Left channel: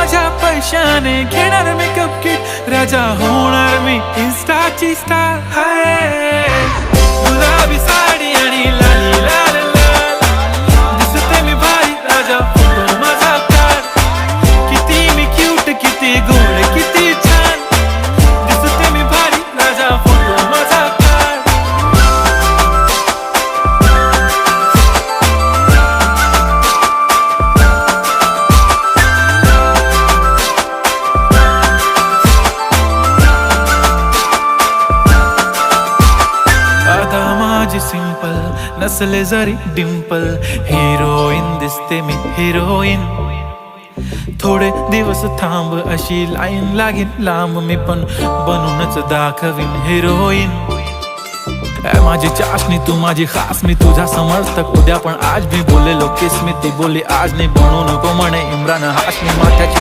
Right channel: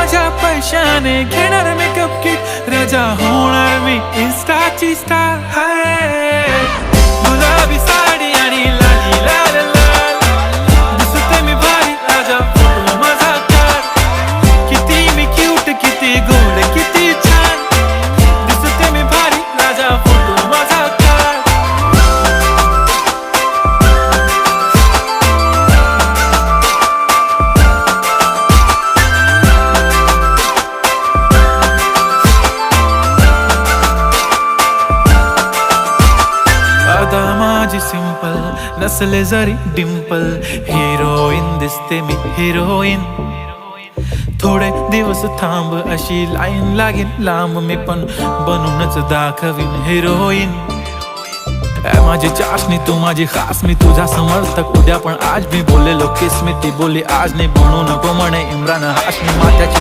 माझ्या पैशाने घेणार मेकअप किट, राजा होणार मी इन्स्टाची स्टार. हाय गुलाबी साडी आणि लाली लाल लाल, दिसते मी भारी राजा फोटो माझा काढ. किती मी क्यूट, किती गोड, किती छान, दिसते मी भारी राजा फोटो माझा काढ. आता माझी सिंपल नसले जरी डिंपल, हिरोईन दिसते मी हिरोईन. थोडे दिवस थांब अशी लाईन लागेल लांब, मी पण बनूनच दाखवीन हिरोईन. माझी चाशनी तू माझी खास, मी तुझा समर्थक उद्या पण आज. मी बोललेलो किस मी ती बोली आज नाही, बनू नको म्हणे इम्रान हाशमी. माथ्याची